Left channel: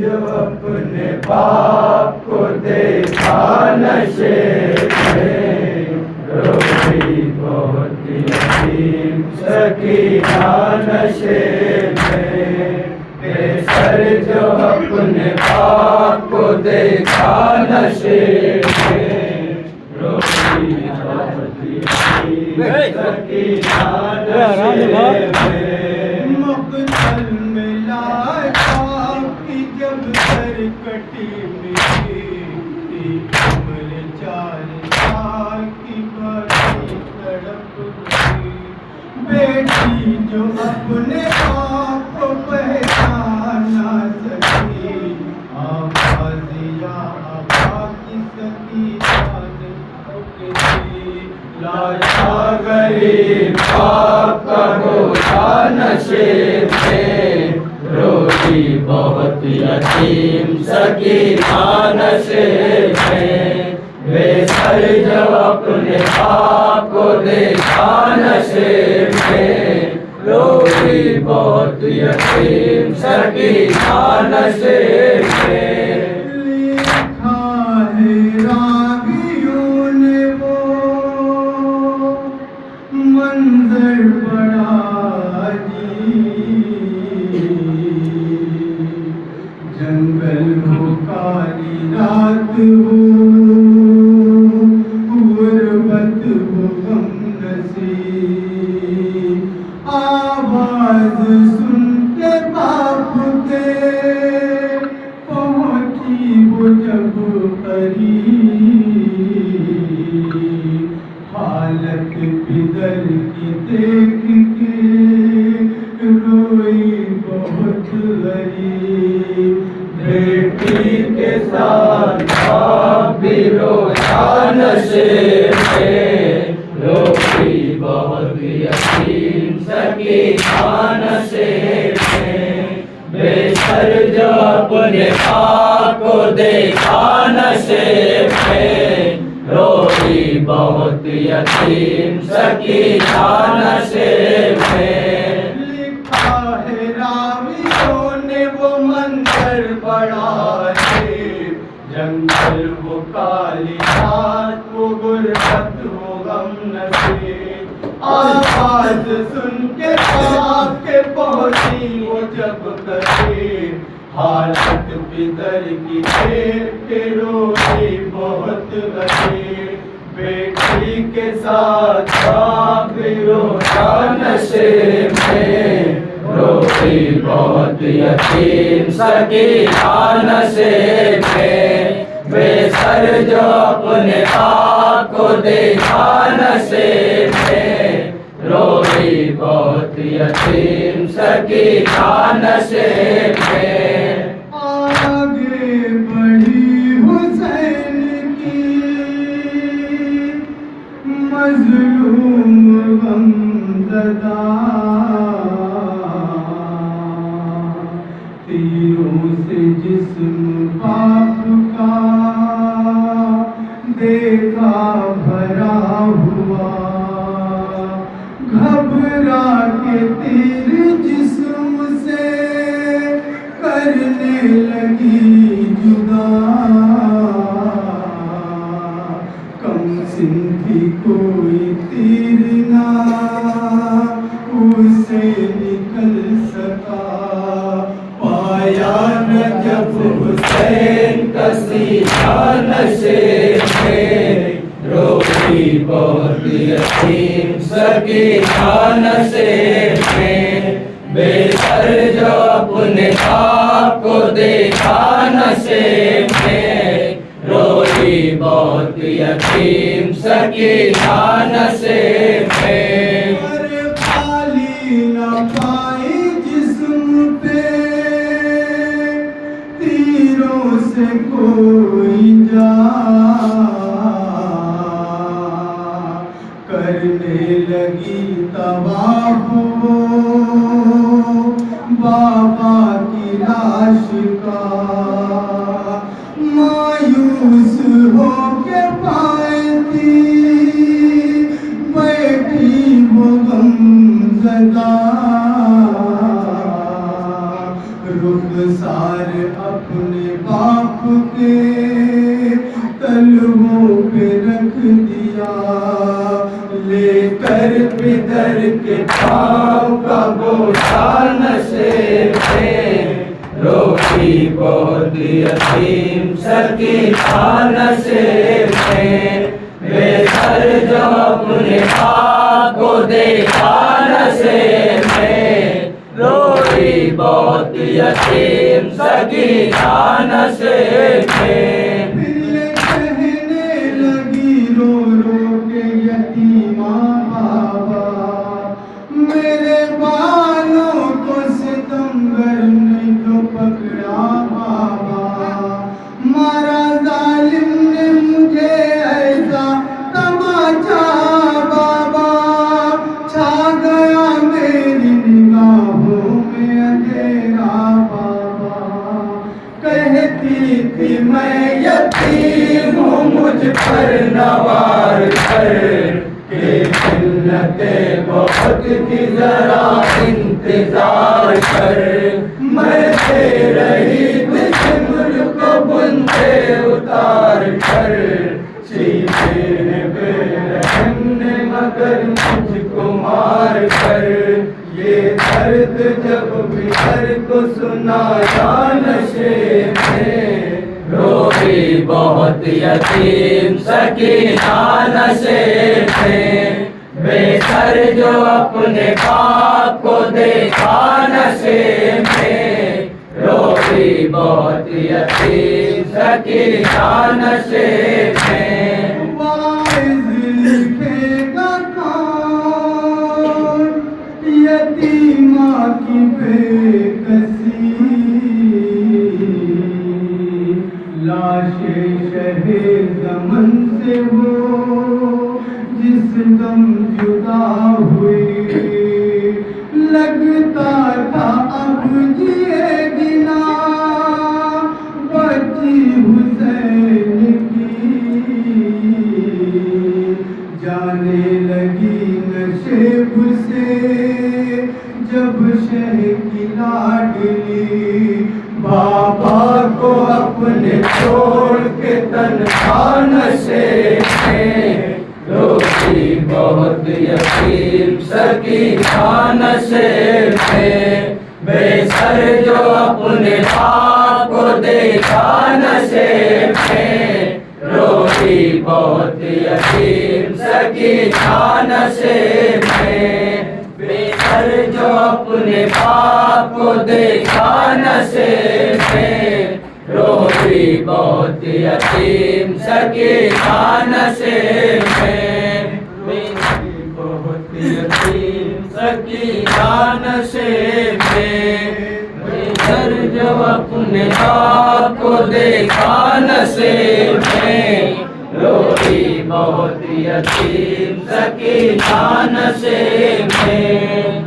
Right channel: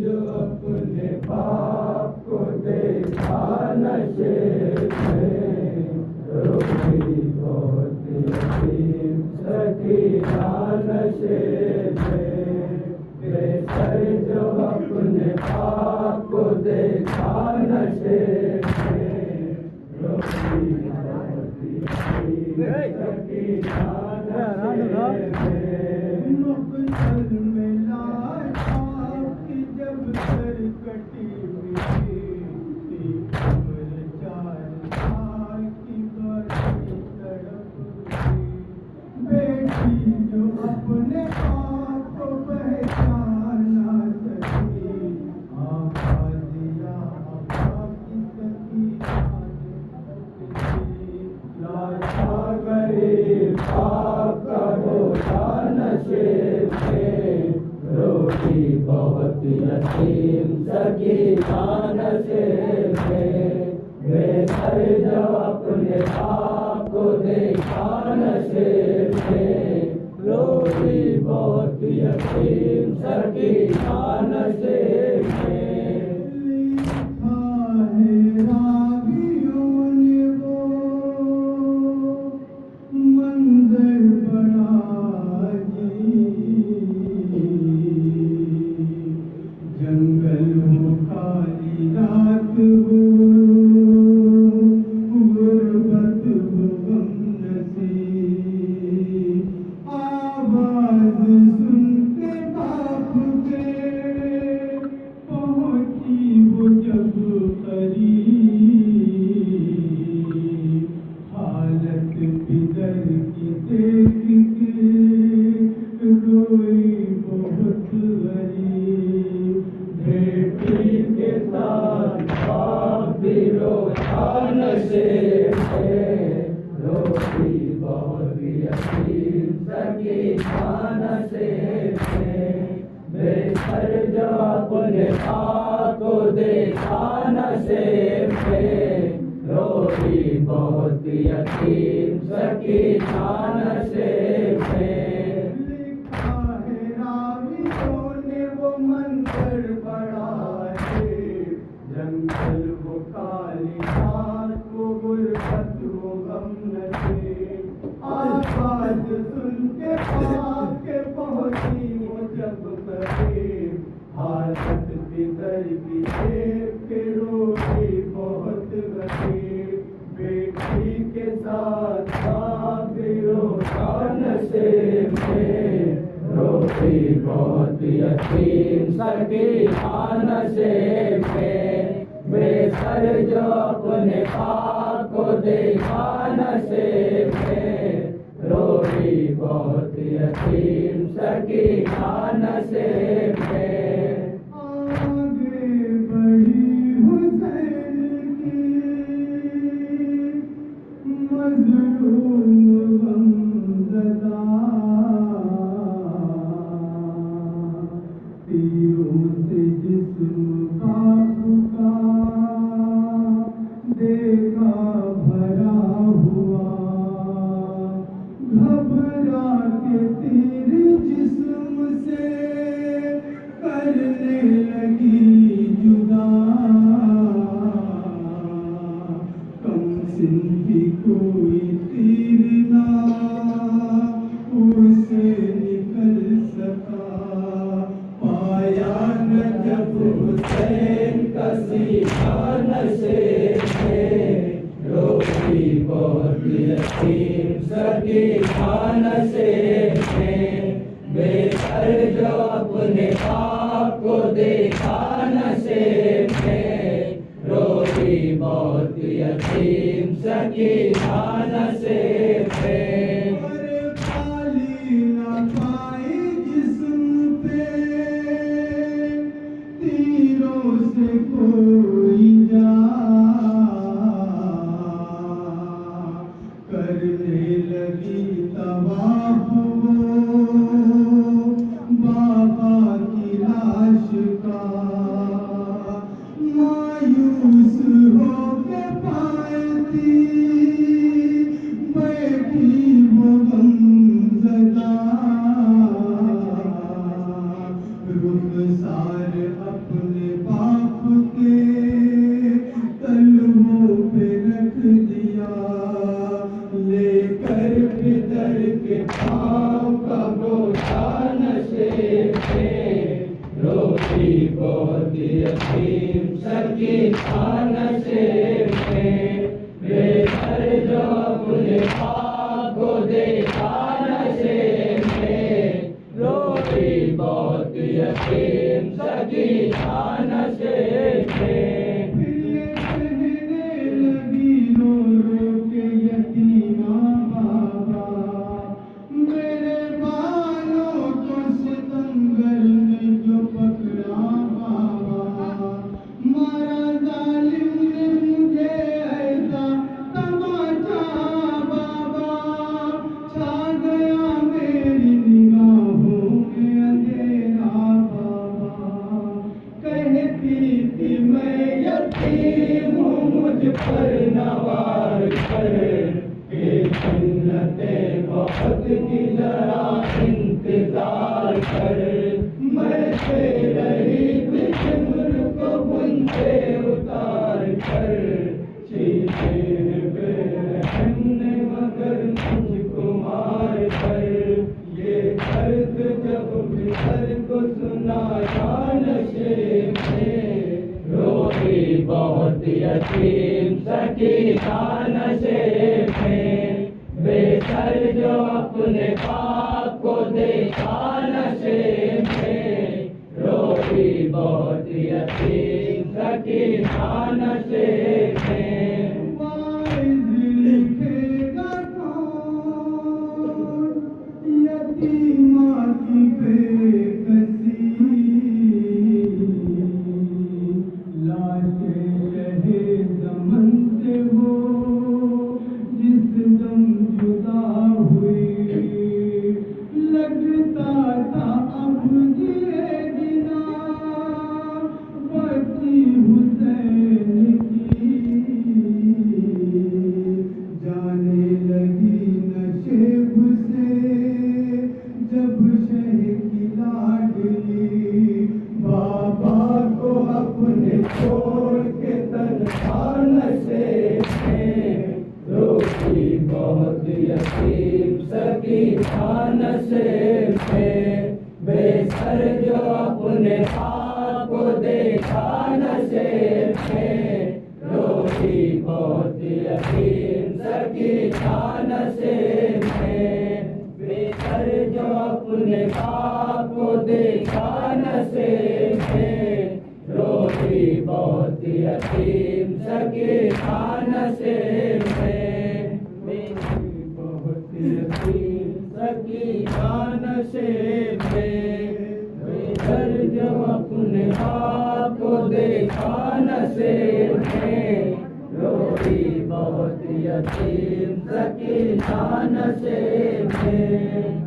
جو اپنے باپ کو دیکھا نشے میں، روئی بہت یتیم سکینہ نشے میں، بے سر جو اپنے باپ کو دیکھا نشے میں، روئی بہت یتیم سکینہ نشے میں، مقتل میں لائے باپ کی جب سر کٹی ملی تھی، عمر 4 سال کی بڑی تڑپ ہوئی، بیٹی جو اپنے باپ کو پہچان نہ سکی، آواز یا آبا کی سکینہ نے پکڑی، لاچا غریب باپ کا بوجھا نشے میں، روئی بہت یتیم سکینہ نشے میں، بے سر جو اپنے باپ کو دیکھا نشے میں، روئی بہت یتیم سکینہ نشے میں، لکھا ہے راویوں نے وہ منظر بڑا جنگل ہو کالی رات ہو، غربت ہو غم نصیب، آواز سن کے باپ کے پہنچی وہ جب قریب، حالت پدر کی دیکھ کے روئی بہت غریب، بیٹی کے ساتھ باپ بھی رویا نشے میں، روئی بہت یتیم سکینہ نشے میں، بے سر جو اپنے باپ کو دیکھا نشے میں، روئی بہت یتیم سکینہ نشے میں، لکھا ہے راویوں نے وہ منظر بڑا ہے، جنگل وہ کالی رات وہ غربت وہ غم نصیب، آواز سن کے باپ کے پہنچی وہ جب قریب، حالت پدر کی دیکھ کے روئی بہت غریب، بیٹی کے ساتھ باپ بھی رویا نشے میں، روئی بہت یتیم سکینہ نشے میں، بے سر جو اپنے باپ کو دیکھا نشے میں، روئی بہت یتیم سکینہ نشے میں، آگے بڑھی حسین کی مظلوم غمزدہ، تیروں سے جسم باپ کا دیکھا بھرا ہوا، گھبرا کے تیر جسم سے کرنے لگی جدا، کم سن بھی کوئی تیر نہ اسے نکل سکا، پایا نہ جب حسین کا سینہ نشے میں، روئی بہت یتیم سکینہ نشے میں، بے سر جو اپنے باپ کو دیکھا نشے میں، روئی بہت یتیم سکینہ نشے میں، خالی نہ پائی جسم پہ تیروں سے کوئی جا، کرنے لگی طواف وہ بابا کی لاش کا، مایوس ہو کے پائے تھی بیٹھی وہ غمزدہ، رخسار اپنا روحی بہت یتیم سکینہ نصیب میں بے سر جو اپنے خاک کو دیکھا نصیب میں روحی بہت یتیم سکینہ نصیب میں پھر یہ کہنے لگی رو رو کے یتیمہ بابا میرے بالوں کو ستمگر نے جو پکڑا بابا مارا ظالم نے مجھے ایسا تماچا بابا چھا گیا میری نگاہوں میں اندھیرا بابا کہتی تھی میں یتیم ہوں مجھ پر نوار کر کہ ملت بہت کی ذرا انتظار کر مرتے رہی بسمر کو بنتے اتار کر چیخے بے رحم نے مگر مجھ کو مار کر یہ درد جب بھی ہر کو سنایا نشے میں روحی بہت یتیم سکینہ نصیب میں بے سر جو اپنے خاک کو دیکھا نصیب میں روحی بہت یتیم سکینہ نصیب میں واعظ لکھے گا کون یتیمہ کی بے کسی لاش شہ زمن سے وہ جس دم جدا ہوئی لگتا تھا اب جیے گنا بچی حسین کی جانے لگی نشیب سے جب شہ کی لاڈلی بابا کو اپنے چھوڑ کے تنہا نشیب میں روحی بہت یتیم سکینہ نصیب میں بے سر جو اپنے خاک کو دیکھا نصیب میں روحی بہت یتیم سکینہ نصیب میں بے سر جو اپنے خاک کو دیکھا نصیب میں روحی بہت یتیم سکینہ نصیب میں بہت یتیم سکینہ نصیب میں بے سر جو اپنے خاک کو دیکھا نصیب میں روحی بہت یتیم سکینہ نصیب میں